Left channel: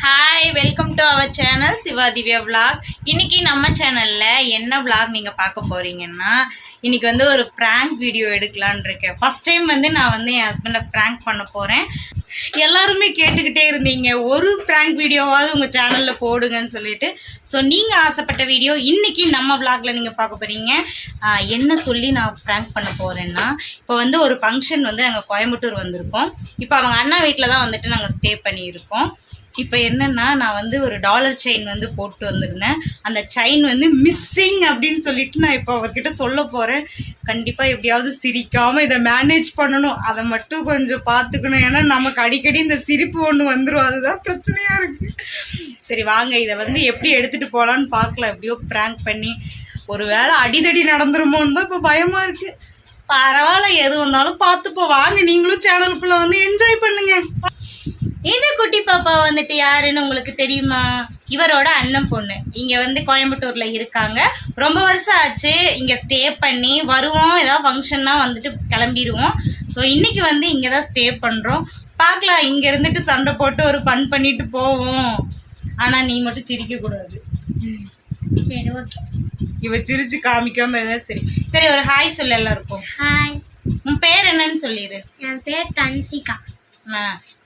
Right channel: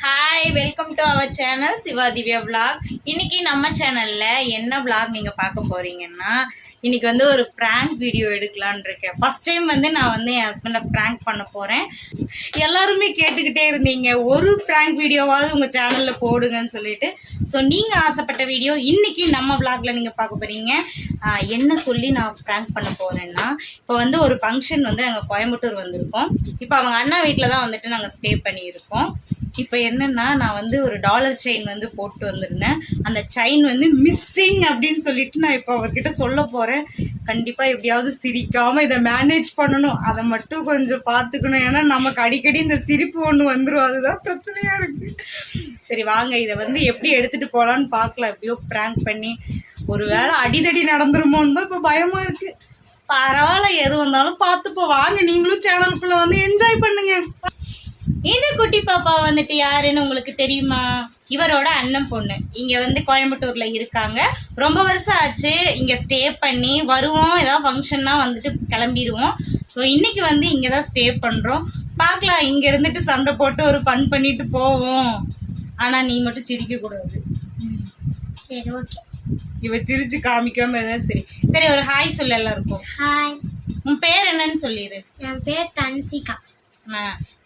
Hi welcome to our channel Shiva Divya vlog. இன்னைக்கு நம்ம சேனலில் என்ன vlog நீங்கள் பார்க்க போகிறீங்கன்னா இன்னைக்கு வந்து ஒரு ப்ராங்க் வீடியோ எடுக்கலான்னு இருக்கேன். ஃபஸ்ட் டைம் வந்து நான் வந்து என் ஹஸ்பண்டை ப்ராங்க் பண்ண போகிறேன் எல்லாருமே கேட்டுக்கிட்டே இருந்தீங்க. ஒரு ப்ராங்க் வீடியோவாவது உங்கள் சேனலில் போடுங்கன்னு சொல்லிட்டு. ஸோ நீங்கள் ஆசைப்பட்ட வீடியோ இன்னைக்கு நம்ம vlogல நீங்கள் பார்க்க போகிறீங்க என்ன சொல்லி நான் ப்ராங்க் பண்ண போகிறேன்னா இப்போ வந்து ஒரு ஃபங்க்ஷன் வந்து நாங்கள் கோயம்புத்தூர் வந்திருக்கோம். இப்போ அவங்க அண்ணா வீட்டில் தான் வந்துட்டு நாங்கள் ஸ்டே பண்ணியிருக்கோம். இப்போ என்னென்னா நான் வந்து ஒரு டாலர் செயின் வந்து போட்டு வந்திருந்தேன். அந்த செயின் வந்து மிஸ்ஸிங் அப்படின்னு சொல்லிட்டு நான் இப்போ அவர்கிட்ட சொல்ல போகிறேன் கண்டிப்பாக எப்படியாவது சிரிக்காமல் இதை மேனேஜ் பண்ணணும். அதை மட்டும் கொஞ்சம் பார்த்துக்கணும். ஏன்னா நமக்கு அடிக்கடி இந்த சிரிப்பு ஒன்று வந்துடும் அதுதான் பிரச்சனையாக இருக்குது சரி வாங்க. இதை வந்து எப்படி எடுத்துகிட்டு போகலான்னு பார்க்கலாம். எப்படியோ ப்ராங்க் பண்ணி. ஒரு வேளை அடிதடி நடந்துருமோன்னு தான் இப்போ பயமாக இருக்குது பரவாயில்ல. எது வந்தாலும் பார்த்துப்போம். வாங்க. நீங்களும் சேனலுக்குள்ளே வந்து என்ஜாய் பண்ணுங்கள் இந்த குட்டி பாப்பா வந்துட்டு யாருன்னு உங்களுக்கு தெரியுமா? இவரோட அண்ணன் பொண்ணு. இங்கே வந்து கோயம்புத்தூரில் இருக்காங்க. ரொம்ப வருஷம் ஆச்சு. இங்கே ஸ்டே பண்ணி வருவோம். ஏதாவது ஃபங்க்ஷன்னா வந்துட்டு கிளம்பிடுவோம் ஸோ இன்றைக்கி வந்து இங்கே தான் ஸ்டே பண்ணுறோம் பார்க்கலாம். இங்கே இருந்துட்டு சண்டை போட்டு ஒரு ஃபன் பண்ணிட்டு போவோம். ஆனால் நீ மட்டும் சிரிக்கக்கூடாது சரி ஓகே இவ சிரிச்சு காமிக்காம இருந்தா சரி. சரி ஒரு ஹாய் சொல்ல எல்லாருக்கும். ஹாய் உன் பேர் என்னன்னு சொல்லிடு என் பேர் தன்சிகா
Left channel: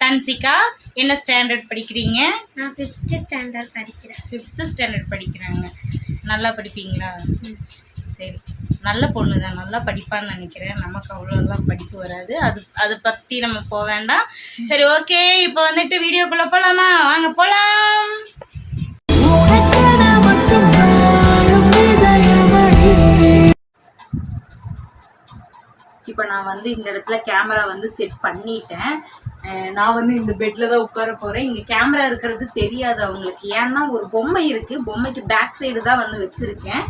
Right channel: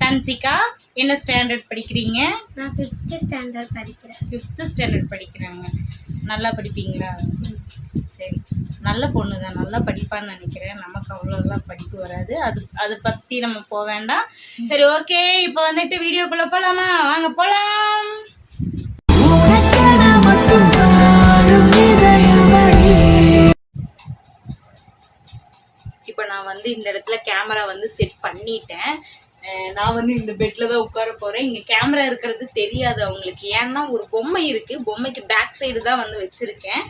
தன்சிகா என்ன ஸ்டாண்டர்ட் படிக்கிறீங்க? நான் ஃபிஃப்த் ஸ்டாண்டர்ட் படிக்கிறேன். ஃபிஃப்த்து ஸ்டாண்டர்ட் படிக்கிறாங்க. நல்லா படிப்பீங்களா? சரி. நல்ல பொண்ணு தான் நல்லா படிப்பான்னு நினைக்கிறேன். நமக்கு அவ்வளோலாம் படிப்பு வராது. அது அதை பற்றி நம்ம போக வேண்டாம். சரி ஓகே இப்போ வந்துட்டு வீடியோக்குள்ளே போகலாமா வாங்க போகலாம் இப்போ நான் வந்து இந்த இடத்துல கேமரா வந்து செட் பண்ணிட்டேன். நான் வந்து இந்த பெட்டில் தான் உட்கார போகிறேன் இங்கே கேமரா இருக்கிறது தெரியாது அவங்களுக்கு. ஏன்னா ஒரு பொம்மை இருக்குது பொம்மைக்கு பேக் சைடு தான் வந்து வச்சுருக்கேன்.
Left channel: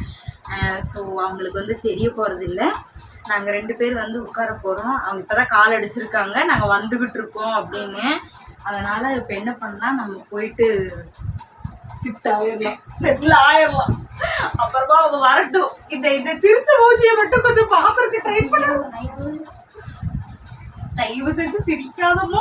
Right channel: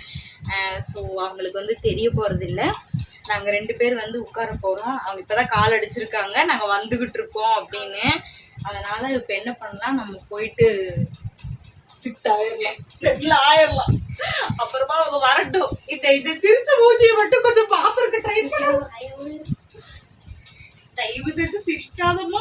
ஸோ அவங்களுக்கு வந்து தெரிய போகிறது இல்லை நாங்கள் ரெண்டு பேர் வந்து உட்கார போகிறோம் அவங்க இப்போ தான் கால் அடிச்சிருக்காங்க. நாங்கள் வந்துக்கிட்டு இருக்கோம் அப்படின்னு. அதனால் இப்போ என்ன பண்ணலாம்? நம்ம போயிட்டு ஷிஃப்ட் ஆயிடலாம் செட்டில் ஆயிடலாம் அப்புறமா அவங்க வரட்டும். இந்த இந்த சிரிச்ச மூஞ்சியை மட்டும் கொஞ்சம் பாப்பறக்கு ட்ரை பண்ணுவோம் தயவு செஞ்சு சிரிக்காதமா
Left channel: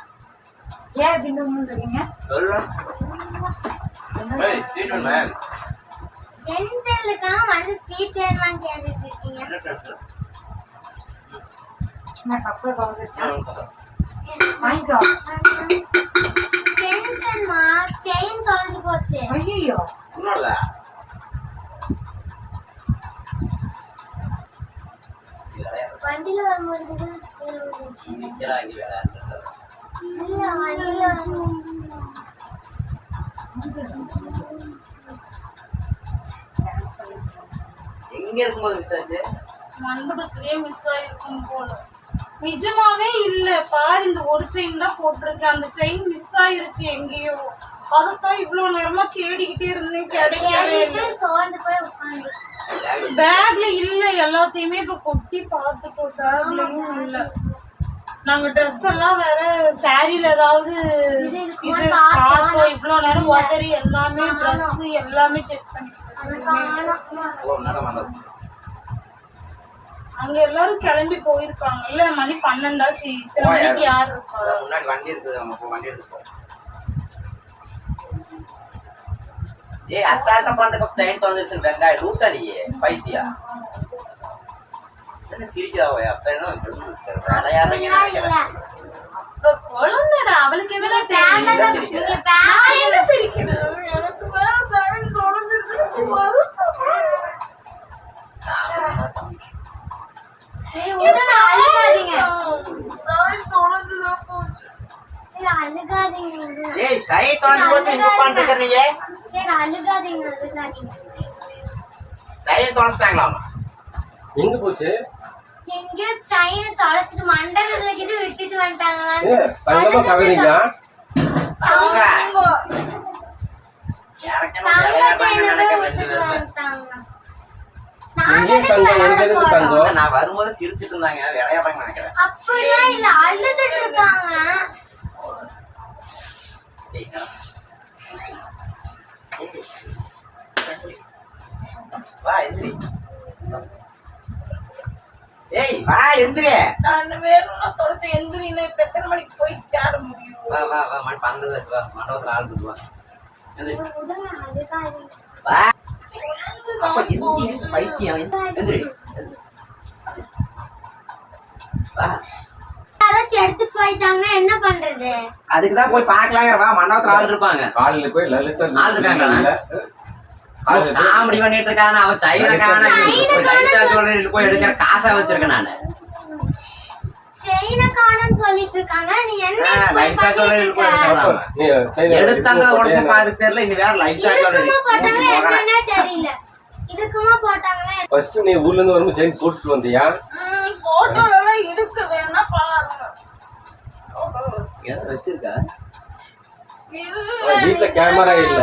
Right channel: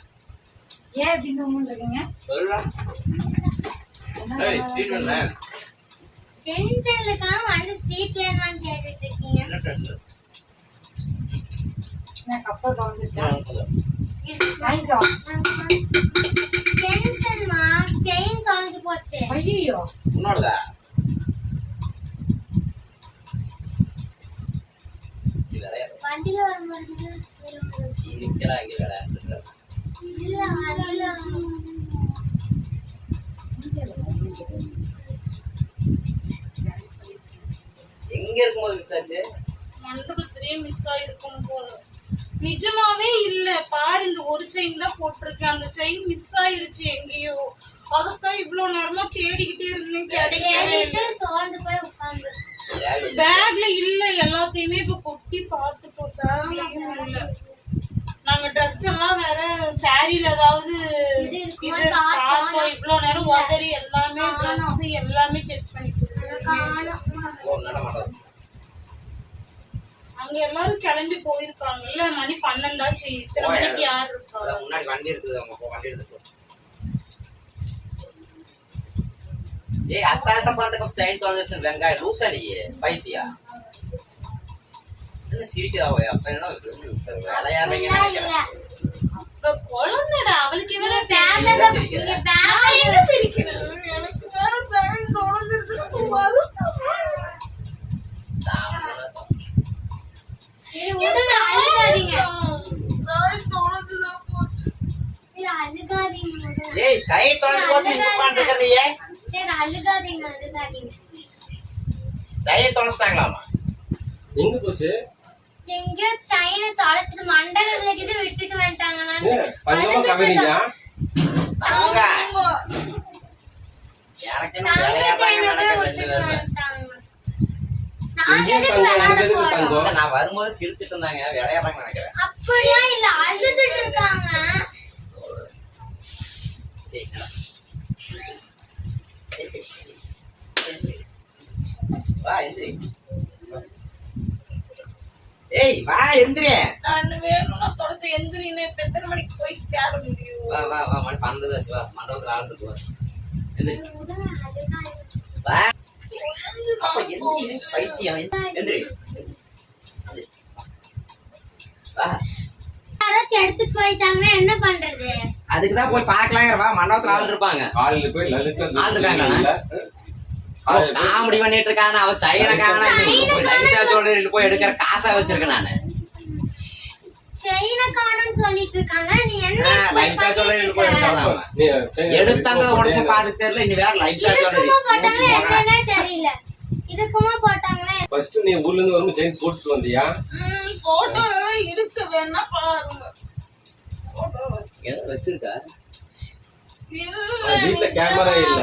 ஏன் இப்படி மேம் பென்சிலுக்காக வந்து ஸ்வீட் வேணுமான்னு கேட்டுட்டு இருக்கீங்க நான் கப்பல் வாங்கிக்கோ பென்சில் மா செயின் தொலைஞ்சு போச்சு. ஐயோ வண்டியில வரும்போது எங்க இருக்கும்போது மிஸ் ஆச்சு? மண்டபத்திலேயே மிஸ் ஆயிருக்கும் போல. நிஜமாவே இல்ல. பாரு இந்த ஒரு செயின் தான் போட்டிருக்கேன். அந்த செயின் மிஸ் ஆயிருச்சு எங்கேயோ. அதைத்தான் இவ்வளவு நேரமா தேடிக்கிட்டே இருந்தேன். கிடைக்கவே சோர்ந்து போய் உட்காந்து பேக்ல இல்ல. எல்லாத்தையுமே இப்ப கொட்டி பார்த்துட்டோம் பேக்லயும் இல்ல. நாங்க ட்ரெஸ் எல்லாம் வேற சாரில ஏதாவது இது பார்த்தோம். இவ்வளவு நேரம் உதறி எல்லாமே ட்ரெஸ் எல்லாமே செக் நடமாடம் அங்க எல்லாரும் கிளம்பி போயிருக்காங்கல்ல மணி பன்னெண்டாச்சு இத்தனை மணிக்கு யார் இருக்கா முன்னாடி வண்டி இருக்குது. நம்ம போ வண்டி எடுத்து போ. ஏய் அசால்ட்டா பண்றதுக்கு செயின் தொலைஞ்சிருச்சு வெங்காயம் லூசா நீ பைத்தியா என்ன சிரிக்கிறா ஓய் அப்ப என்ன விளையாடுறீங்க நினைக்கிறேன். குழந்தைடா அவளுக்கு என்ன என்ன சிரிக்கிறேன்? எனக்கு வேற சைன் தொலைஞ்சிருச்சு. வருத்தமா சரி விடுங்க அழுகாதீங்க. சைன் தொலைஞ்சுதான் போச்சு. சரி அழுகாதீங்க விடுங்க. ஏய் செயின் தொலைஞ்சு போச்சு. இங்க உட்காந்துருக்கீங்க சரி அழுகாதீங்க அழுகாதீங்க. செயின் தொலைச்சிட்டாங்களாமா எங்க போச்சு? எங்கேயோ செயினை தொலைச்சிட்டு மண்டகத்துல கிட்ட விட்டுட்டு. வந்துட்டாங்க. நான் வரும்போது சிரிச்சிட்டு இருந்தாங்க. விளையாடுறாங்க நினைக்கிறேன். அப்படிலாம் இல்ல அழுதுட்டு இருக்காங்க. ஏய், என்னடா? ஏய் வா எந்திரி. நான் வேணும்னா தொலைச்ச எந்திரின்னு இப்ப எத்தனை மணிக்கு போய் தேட முடியும்? வா வா வா மணி பன்னெண்டு வச்சு வா. மண்டபத்துல ஆள் இருக்கு வா. எந்திரி. வா. அப்ப எந்திரி பைத்தியம் எந்திரி. வா. யாராச்சும் எடுத்துட்டு போயிட்டாங்கன்னா என்ன பண்றது? அதுக்கு தான் போய் பார்க்கலாங்கிற வா. மண்டபத்துல ஆள் இருப்பாங்க. காலையில போய் லலிதா ஆள் இருக்காங்களா? காமெடி பண்ணிட்டு இருக்கான. அவன் சைனா காண லைட்டா சொல்லிட்டு போய் எடுக்கிற காசா வச்சிருக்கேன் நானு. எடுத்தாங்க போட்டேன்னு. பாத்து தெரியல இனி வேற லைட்டா என்னன்னே தெரியல. இருக்குமா போட்டாங்களே? ஃபர்ஸ்ட் நீ ஊர்ல இருந்து வரும்போது செயின் போட்டுட்டு வந்தியா? போட்டோல எல்லாம் இருக்கு. வேணா பாருங்க. ஏதோ வச்சிருக்கா? இல்ல வீட்ல கேமரா இல்ல.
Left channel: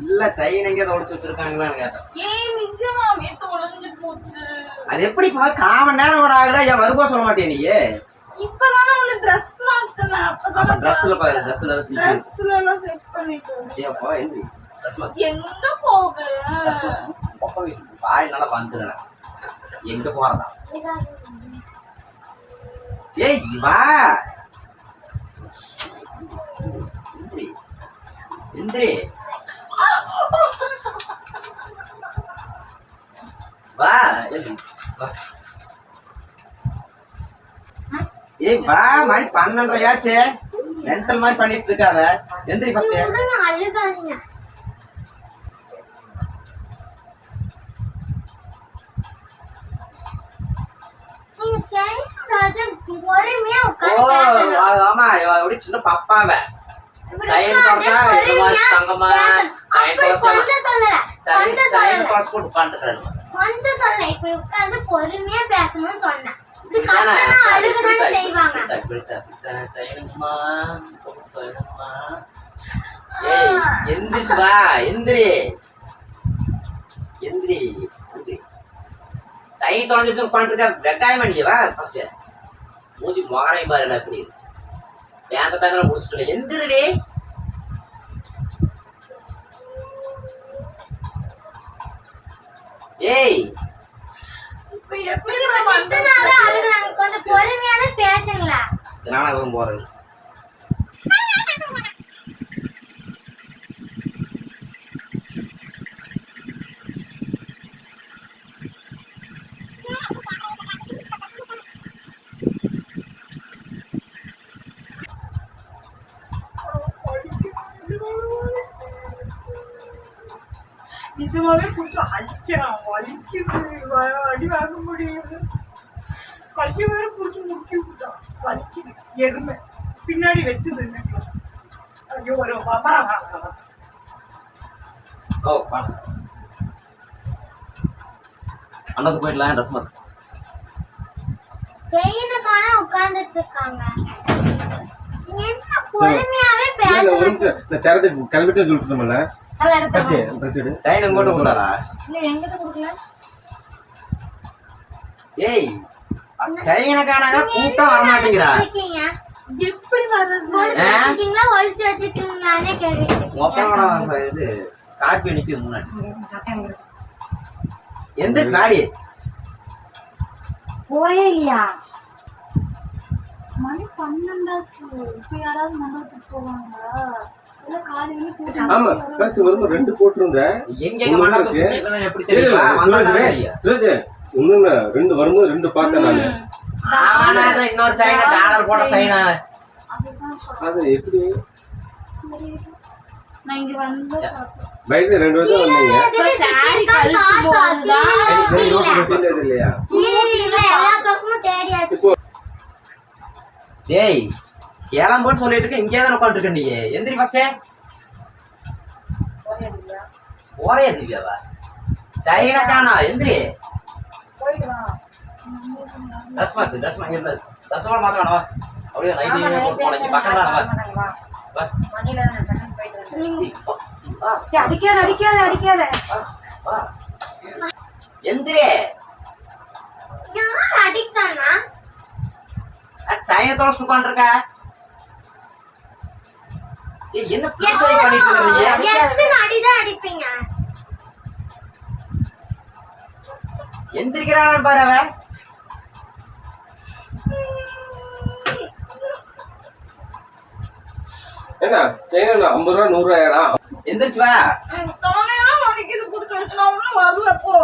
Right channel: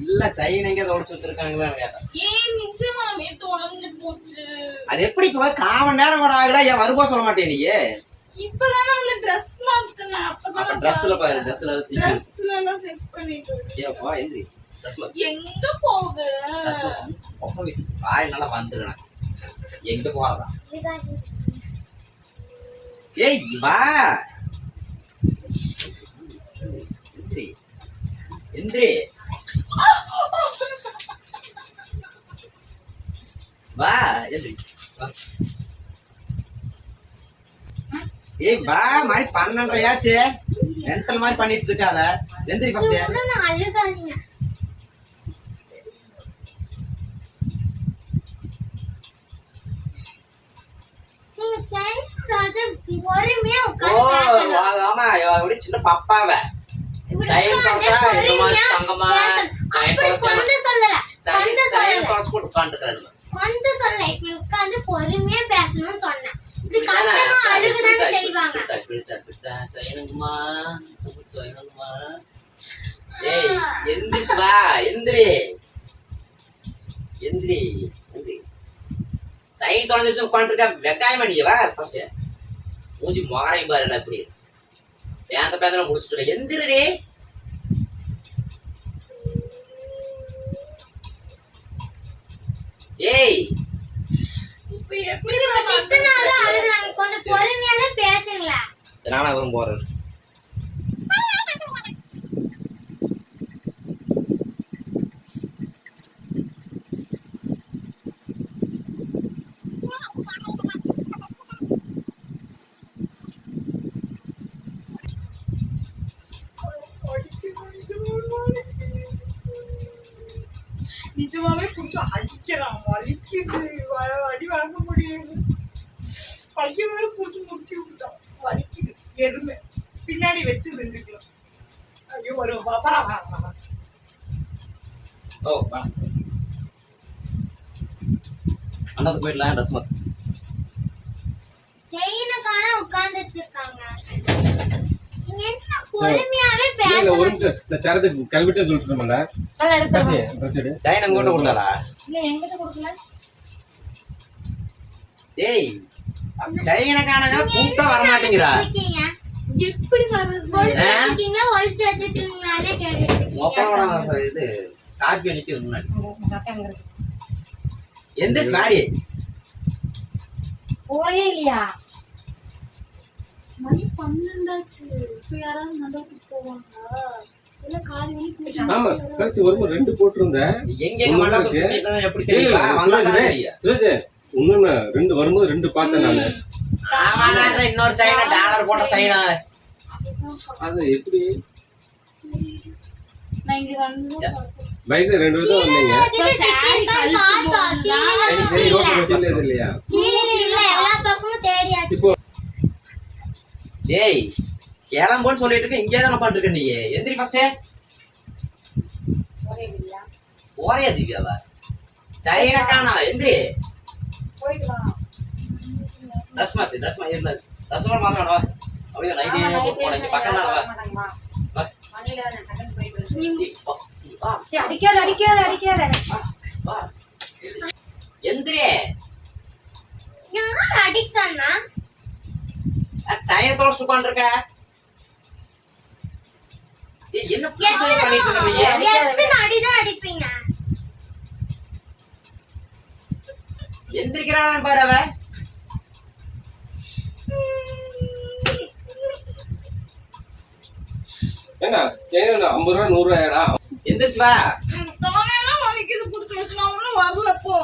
இல்ல சைன் எங்க தொலைச்சு வச்சிருக்காங்களான்னு கேட்டேன் ஏன் நிஜமாவே தொலைஞ்சு போச்சு. அது எப்படி இப்ப கால் மணி நேரம் கூட ஆகுதா ஏன் வருபோ சொல்ல மாட்டே நீ? இப்பதானே வந்து ட்ரெஸ் மாத்தினேன் அப்ப ட்ரெஸ்ல பாரு ட்ரெஸ்ல சீக்கிரம் ட்ரெஸ்ல எல்லாம் செட் பண்ணிட்டு ஏப்பா எந்திரி ட்ரெஸ் எங்க பாய் நல்லா வந்துடுறேன் எங்க போறதா. ஏய் வா. எந்திரி எந்திரி வா ஏய் வா. மணி பன்னெண்டரையாச்சு. மென்டல் மாதிரி பண்ணிட்டு இருக்காத எந்திரி ஃபர்ஸ்ட் பொறுமையா ஆ- ஆமா எப்படி சின்ன பப்பாவ. இந்த மாதிரி பொறுமையா தங்கமா அப்படி தொலைச்சா கொஞ்சம் சொல்லல. கொஞ்சம் தொலைச்சு போட்டு உட்காந்துருக்காரு கொஞ்சம் சொல்லல. இப்படி உட்கார்ந்து பொறுமையா பேசணும்னு சொன்னேன். இப்படி கத்தனா அழுகுதானே செய்வாங்க. செய்யணுமா செய்யணுமா ஏய் எந்திரிச்சு வா. எந்திரி. எந்திரி. எந்திரி. சைன் தொலைஞ்சிச்சு உட்காந்துருக்க வெங்காயம் பண்ணி வா ஃபர்ஸ்ட் மூஞ்சி மொகரையும் பாருங்க இப்படி. பேந்த பேந்தல முடிச்சுட்டு எந்திரிடி. ஏய். இப்ப எப்படி கொஞ்சம் பொறுமையாவே பேசுங்களா போறது நிஜமாவே கொஞ்சம் அடிக்கிறான் வலிக்குது வ- அடி வாங்க முடியுது கைய வேற புடிச்சு முக்கி விட்டான் வலிக்குது எருமை பின்னாடி வச்சு செஞ்சுக்கலாம் ஐயோ ஒரு வா- வா- வா- வா- வா. ஓ அண்ணாக்கு போயிடலாம் ட்ரெஸ் மாத்து செயினுக்கான உட்கார்ந்துட்டு இருக்காங்க கிளம்பிட்டு சொல்லிட்டுமல்ல சைன் எங்கோட்ட கொடுத்தாரா ஏய் சைனக்கானங்க கூட்டம் வர மாட்டேங்கிறா எப்படி வச்சிருக்கீங்களானே இது ஸ்கார்பியோ நிக்குது முன்னாடி. வாடி. போறே இல்லையா? மணி பன்னெண்டாச்சு. இப்ப யாராவது மண்டபத்துக்கு போவாங்களா? இல்ல காலை வெளியே ஆமா கழிச்சு வரும்போது ரெண்டு போட்டிருந்தேன். எங்க எங்க மண்டபம் சுத்திட்டு எப்படி தெரியுமா? வந்தா தெரியும். ரெண்டு வரும்போது ரெண்டு பார்த்தேன் நானு. ஆமாண்ணா அதான் இன்னொரு சைனா டாலர் போட்ட சைனா அது எப்படி? நான் இங்க வந்து பைக்ல ரெண்டு பேரும் வந்தீங்க. சரி, இல்லையா? சீரியல்ல எல்லா பக்கமும் தேடியாச்சு. இப்போ டேய் கிளம்புன்னு சொல்லிட்டு இருக்க இங்கே தான் உட்காந்துருக்க நீ. எந்திரி ஃபர்ஸ்டே ஒரே திவ்யாவா? சைனா காணா எந்திரி ட்ரெஸ் மாத்து ட்ரெஸ் மா இருந்தது ட்ரெஸ் மாத்த வேணாம் வா. அப்படியே நைட்டே போட்டு போனேன். பக்கம் தான் அடிக்காத அடிக்காத அடிக்காத. எந்திரே. யார் சைன தொலைச்சிட்டு உட்காந்துருக்க ஏய், என்ன பண்ணிட்டு இருக்கீங்க அடிப்பீங்க? பாரு அவ ஐம்பது ரூபா நூறு ரூபாயாடா? எந்திரிச்சு வா. தலையெல்லாம் வலிக்குது புடிச்சு வச்சு நான் ஒண்ணும் வரல போ.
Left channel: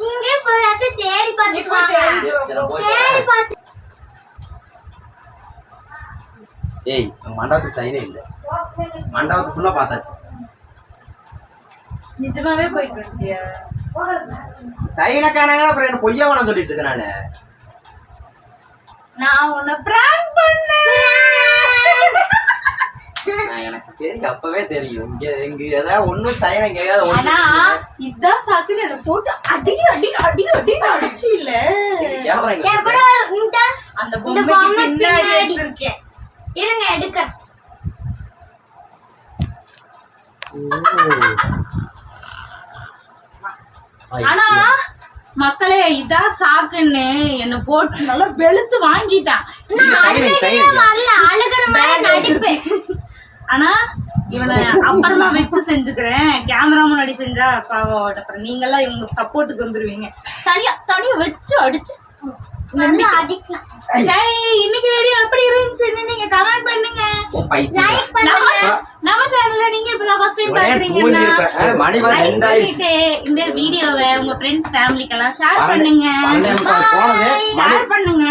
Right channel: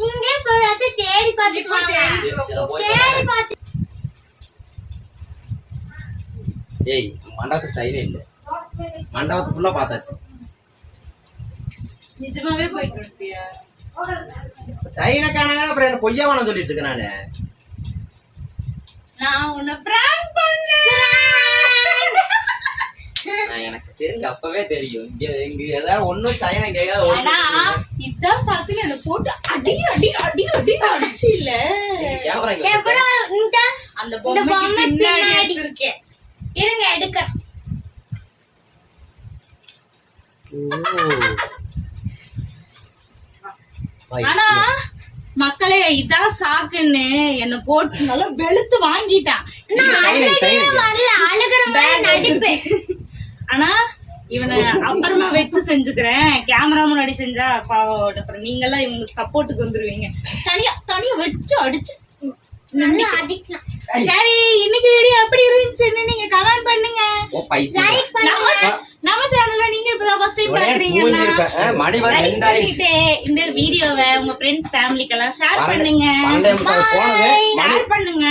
இங்கே போயாச்சு தேடி போய் வாங்க. தேடி. பார்த்து ஏய் நம்ம மண்டபத்துக்கு சைனே இல்ல. மண்டபத்துக்கு ஃபுல்லா பார்த்தாச்சு. நிஜமாவே போயிட்டு வந்துட்டியா சைனா காணாங்க அப்புறம் என்ன பொய்யா வேணும் சொல்லிட்டு இருக்கேன் நானு. நான் உன்னை பிராங்க் பண்ணேன். நான் எனக்கு தெரியும் அப்பவே தெரியும். இங்க இங்க ஏதாவது ஒண்ணும் சைனா ஆனா ஒண்ணு இதான் சாக்குன்னு என்ன போட்டு அடி அடி அடி அடி அடிச்சு இல்ல. அந்த பொம்மை பின்னாடி பின்னாடி. இருங்க எடுக்கிறேன் ஆனா மக்களே இதான் சாக்குன்னு என்ன போட்டு நல்லா வெளுத்து வாங்கிட்டான். ஆனா இவனை அப்புறமா வச்சு செஞ்சுக்கிறேன். கேமரா முன்னாடி செஞ்சா பாவம் அப்புறம் நீங்கெல்லாம் இவங்களுக்கு சப்போர்ட்டுக்கு வந்துருவீங்க. தனியா தனியா வச்சு அடிச்சு அடிக்கலாம். சரி இன்னைக்கு வீடியோ எப்படி இருந்துச்சுன்னு நீங்க கமெண்ட் பண்ணுங்க. லைக் நம்ம பண்ணுங்க. நம்ம சேனல்ல நீங்க இப்பதான் ஃபர்ஸ்ட் டைம் பாக்குறீங்கன்னா இந்த வீடியோவை உங்க ஃப்ரெண்ட்ஸ் ஃபேமிலிக்கெல்லாம் ஷேர் பண்ணுங்க. ஷேர் பண்ணுங்க.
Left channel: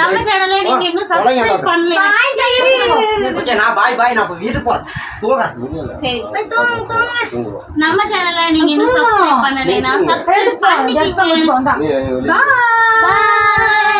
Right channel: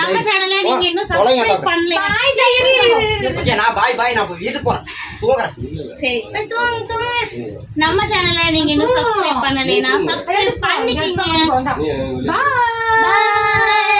நம்ம ஆயிடுச்சு. சேனலை நீங்க இன்னும் சப்ஸ்கிரைப். பண்ணல ஓகே நான் பாய் பாய் நான் வீட்டுக்கு போறேன். தூங்குறேன். சரி. நம்ம சேனலை நீங்க இன்னும் சப்ஸ்கிரைப் பண்ணலைன்னா சப்ஸ்கிரைப் பண்ணிக்கங்க. பாய்